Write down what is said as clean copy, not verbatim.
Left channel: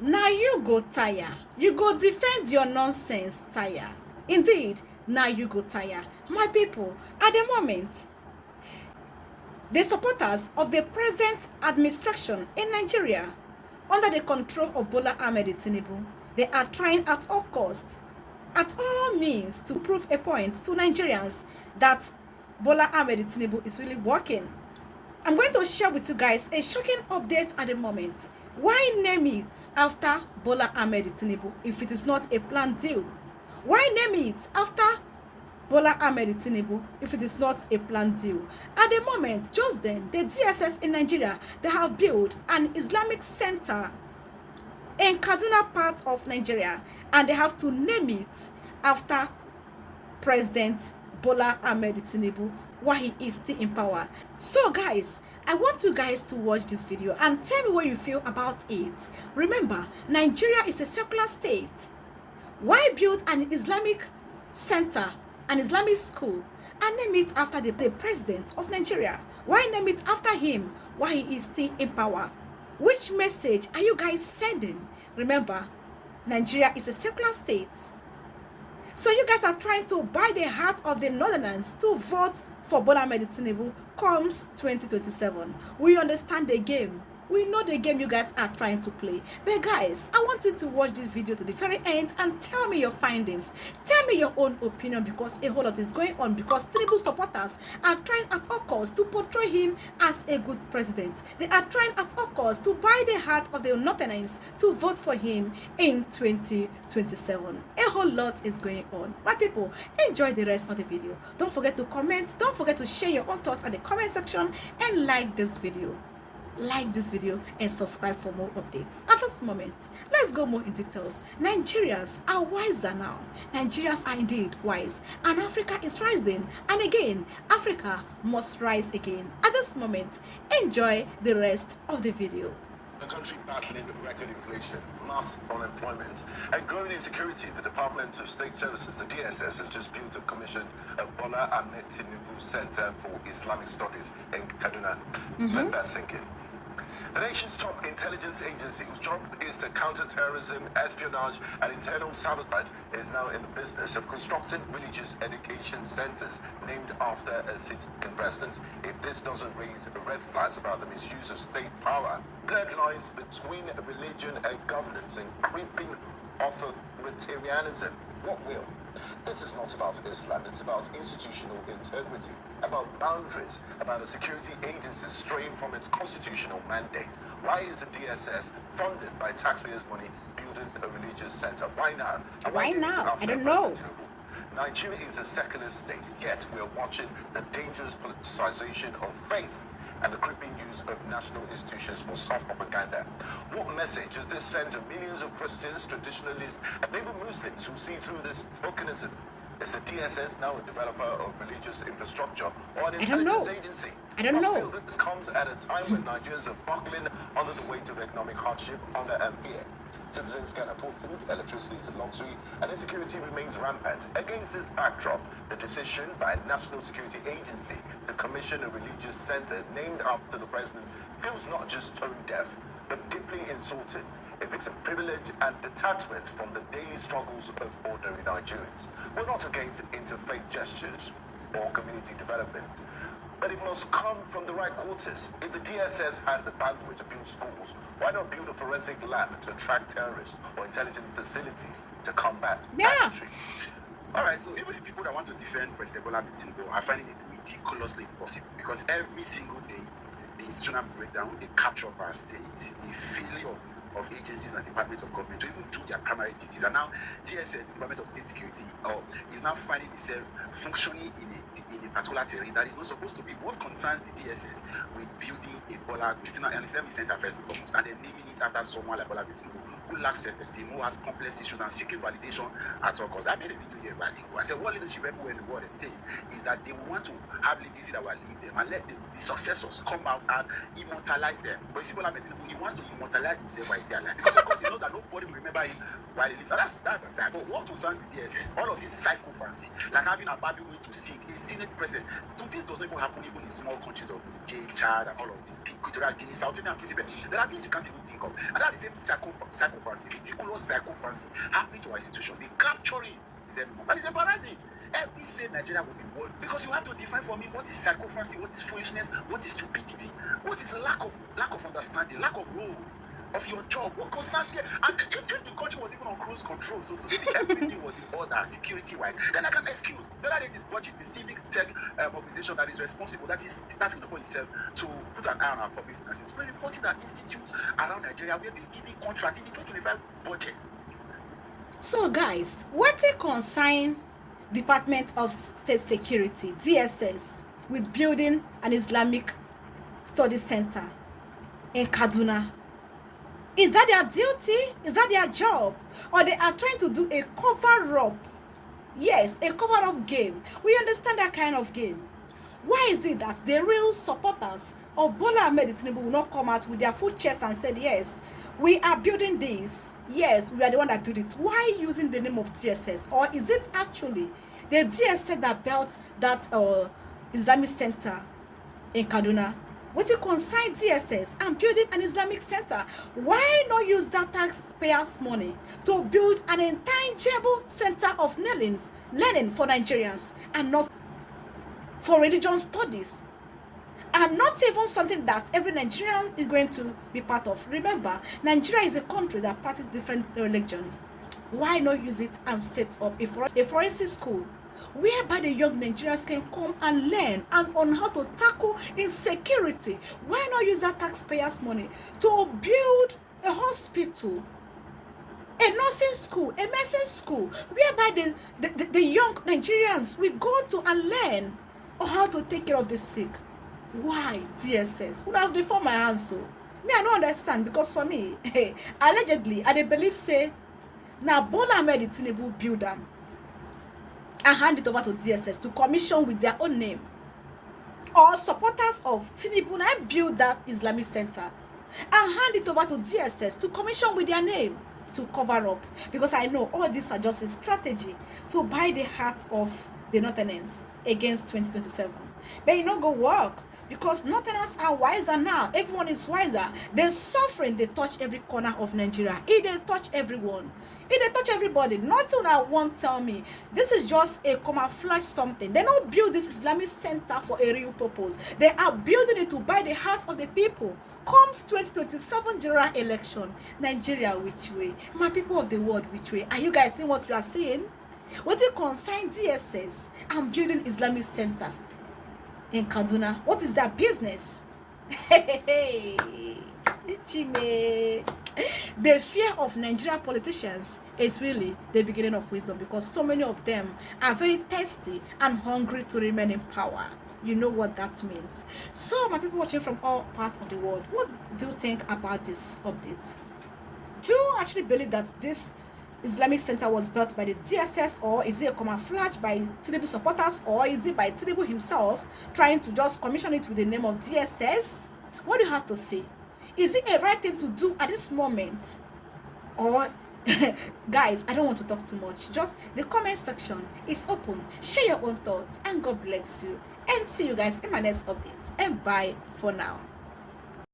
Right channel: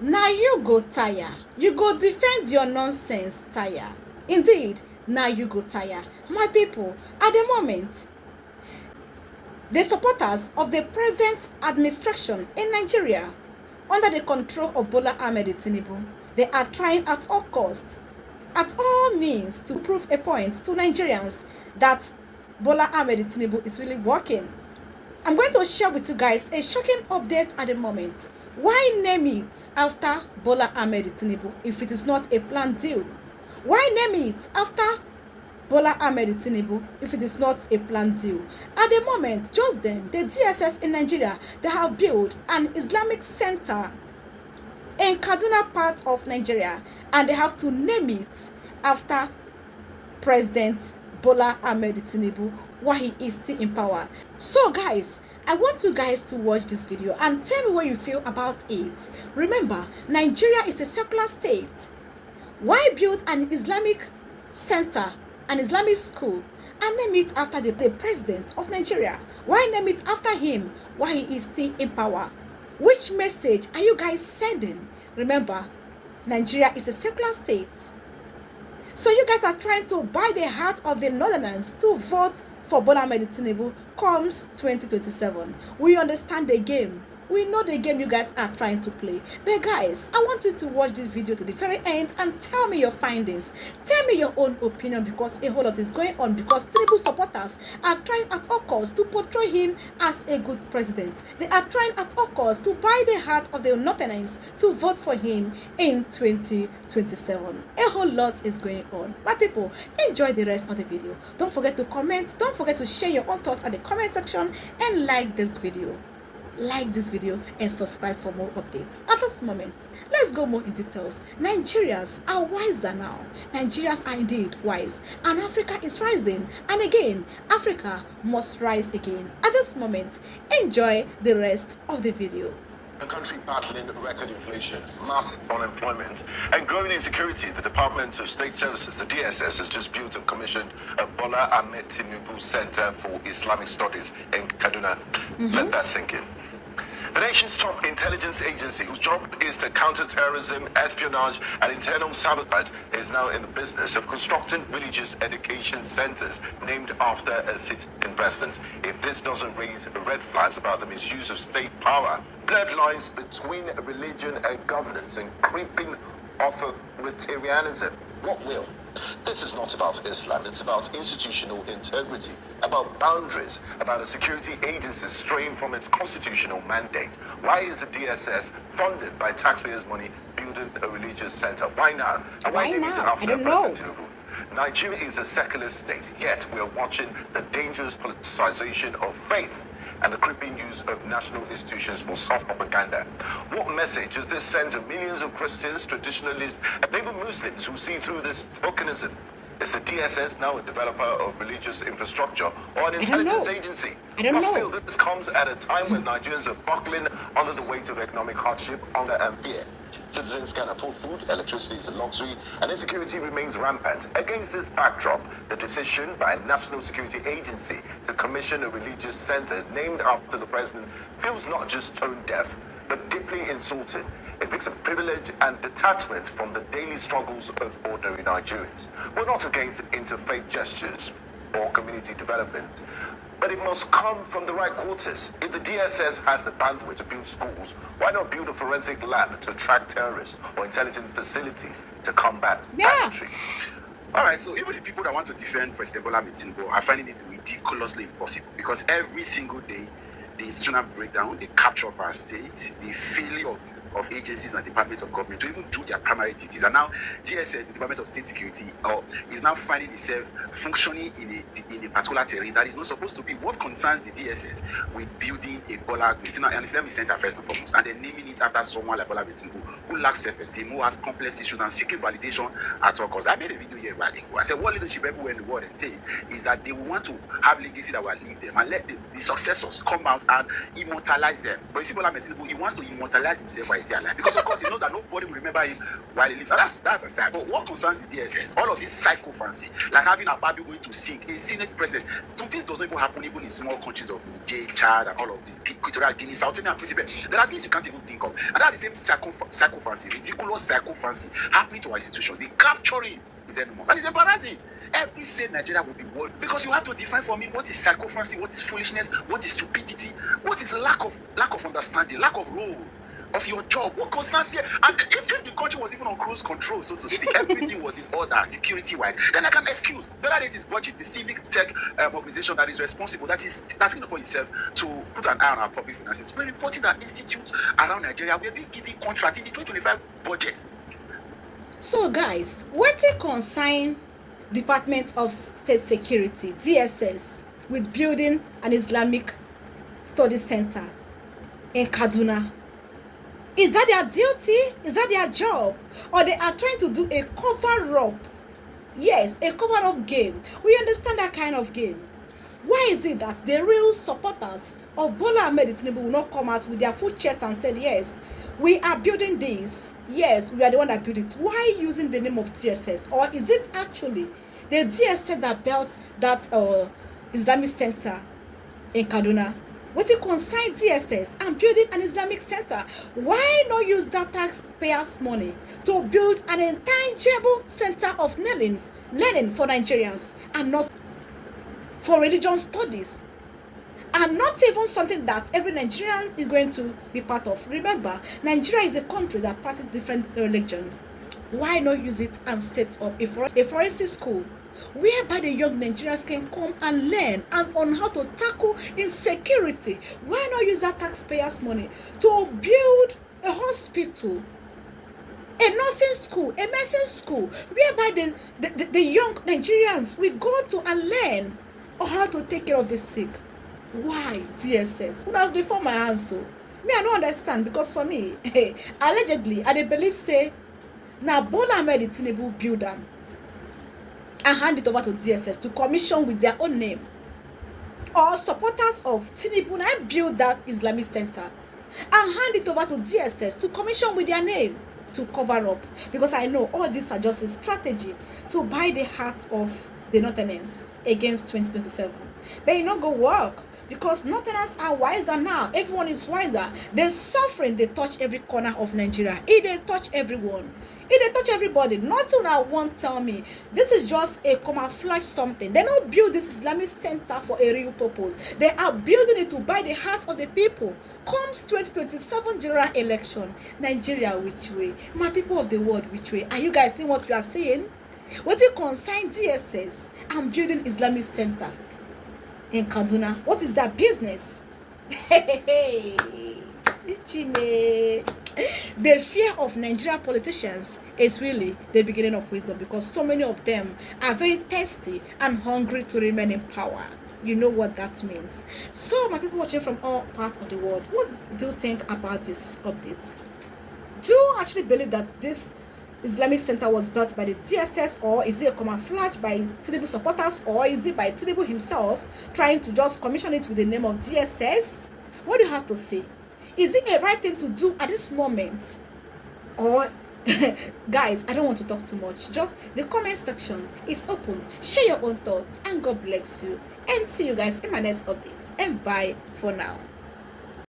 Now you go tire. You go defend your nonsense tire. Indeed, now you go tire. My people, at the moment, the supporters of the present administration in Nigeria, under the control of Bola Ahmed Tinubu, they are trying at all costs, at all means, to prove a point to Nigerians that Bola Ahmed Tinubu is really working. I'm going to share with you guys a shocking update at the moment. Why name it after Bola Ahmed Tinubu if it is not a planned deal? Why name it after Bola Ahmed Tinubu if it is not a planned deal? At the moment, just then, the DSS in Nigeria, they have built an Islamic center in Kaduna part of Nigeria, and they have to name it after President Bola Ahmed Tinubu while he is still in power. So guys, I want you guys to watch this video and tell me what you feel about it. Remember, Nigeria is a secular state. Why build an Islamic center, an Islamic school, and name it after the president of Nigeria? Why name it after him while he is still in power? Which message are you guys sending? Remember, Nigeria is a secular state. So you guys are trying to buy the heart of the Northerners to vote for Bola Ahmed Tinubu comes 2027. We understand the game. We know the game you guys are trying to play. But guys, I want you to watch this video to the very end and tell me your findings. Tell me your own opinion, because a whole lot is going on, because Tinubu supporters are trying at all costs to portray him as a good president. They are trying at all costs to buy the heart of the Northerners to vote for him in 2027. A whole lot is going on. My people, enjoy the rest of the video. Don't forget to comment. Don't forget to share your own thoughts at the comment section and like this video. Like this video and subscribe for more updates. At this moment, let's go more in details. Nigerians are wiser now. Nigerians are indeed wise, and Africa is rising, and again Africa must rise again. At this moment, enjoy the rest of the video. A country battling record inflation, mass unemployment, and growing insecurity, the Department of State Services, the DSS, has just built and commissioned a Bola Ahmed Tinubu Center for Islamic Studies in Kaduna. Let that sink in. The nation's top intelligence agency, whose job is to counter terrorism, espionage, and internal sabotage, is now in the business of constructing religious education centers named after a sitting president. If this doesn't raise red flags about the misuse of state power, blurred lines between religion and governance, and creeping authoritarianism, what will? This is not about Islam, it's about institutional integrity, about boundaries, about a security agency straying from its constitutional mandate. Why is the DSS, funded by taxpayers' money, building a religious center? Why now? And Why name it now? after I don't know. President Tinubu? Nigeria is a secular state, yet we are watching the dangerous politicization of faith and the creeping use of national institutions for soft propaganda. What message does this send to millions of Christians, traditionalists, and even Muslims who see through this tokenism? Is the DSS now a developer of religious infrastructure or an intelligence agency? I don't know. Still, this comes at a time when Nigerians are buckling under the weight of economic hardship, hunger, and fear. Citizens can afford food, electricity is a luxury, and insecurity remains rampant. Against this backdrop, the decision by a national security agency to commission a religious center named after the president feels not just tone deaf, but deeply insulting. It brings a privilege and detachment from the daily struggles of ordinary Nigerians. We're not against interfaith gestures or community development, but it must come from the right quarters. If the DSS has the bandwidth to build schools, why not build a forensic lab to track terrorists or intelligent facilities to combat banditry? All right, so even the people that want to defend President Bola Ahmed Tinubu are finding it ridiculously impossible, because every single day, the institutional breakdown, the capture of our state, the failure of agencies and departments of government to even do their primary duties. And now TSS, the Department of State Security, is now finding itself functioning in a particular terrain that is not supposed to be. What concerns the DSS with building a Bola and Islamic center first and foremost, and then naming it after someone like Bola Tinubu, who lacks self-esteem, who has complex issues, and seeking validation at all costs? I made a video here about it. I said what leadership everywhere in the world entails is that they will want to have legacy that will leave them and let the successors come out and immortalize them. But you see, Bola Tinubu, he wants to immortalize himself by still alive. Because of course he knows that nobody will remember him while he lives. And that's aside. But what concerns the DSS, all of this psychophancy, like having a baby going to seek a Senate president, some things does not even happen even in small countries of Niger, Chad, and all of these Equatorial Guinea, South Africa, and Principe. There are things you can't even think of. And that is the same psychophancy, ridiculous psychophancy happening to our institutions. They capturing his enemies. And it's embarrassing. Every sane Nigeria will be world, because you have to define for me what is psychophancy, what is foolishness, what is stupidity, what is lack of understanding, lack of role of your job, what concerns here. And if the country was even on cruise control, so to speak, everything was in order security-wise, then I can excuse whether it is budget, the civic tech organization that is responsible, that is taking upon itself to put an eye on our public finances. We're reporting that institutes around Nigeria will be giving contract in the 2025 budget. So guys, what they consign Department of State Security, DSS, with building an Islamic Study Center in Kaduna? Is that their duty? Is that their job? Or they are trying to do a cover-up? Yes, a cover-up game. We understand that kind of game. Why is it that the real supporters of Bola Ahmed Tinubu will not come out with their full chest and said, yes, we are building this. Yes, we are the one that built it. Why using the name of DSS? Or is it actually the DSS that built that Islamic Center in Kaduna? What you consign DSS and building an Islamic Center? Why not use that taxpayers' money to build an intangible center of learning for Nigerians, and not for religion studies? And not even something that every Nigerian is going to be part of. Remember, Nigeria is a country that practices different religions. Why not use it and set up a forensic school whereby the young Nigerians can come and learn and on how to tackle insecurity? Why not use that taxpayers' money to build a hospital, a nursing school, a medicine school, whereby the young Nigerians will go to and learn on how to take care of the sick? Why DSS? Would have deformed my answer. Me, I don't understand, because for me, allegedly, I believe say now Bola Ahmed Tinubu build them and hand it over to DSS to commission with their own name, or supporters of Tinubu and build that Islamic Center and hand it over to DSS to commission with their name to cover up. Because I know all these are just a strategy to buy the heart of the Northerners against 2027. But it not go work, because Northerners are wiser now. Everyone is wiser. They're suffering. They touch every corner of Nigeria. They touch everyone. They touch everybody. Nothing I won't tell me this is just a camouflage something. They don't build this Islamic Center for a real purpose. They are building it to buy the heart of the people. Comes 2027 general election, Nigeria which way? My people of the world, which way? Are you guys seeing what we are seeing? What it consign DSS and building Islamic Center in Kaduna? What is that business? Chime. The fear of Nigerian politicians is really the beginning of wisdom, because so many of them are very thirsty and hungry to remain in power. You know what that means. So my people watching from all parts of the world, what do you think about this update? Do you actually believe that this Islamic Center was built by the DSS, or is it a camouflage by Tinubu supporters, or is it by Tinubu himself trying to just commission it with the name of DSS? What do you have to say? Is it a right thing to do at this moment? Or guys, I don't want to talk too much. Just the comment section is open. Share your own thoughts, and God bless you. And see you guys in my next update. And bye for now.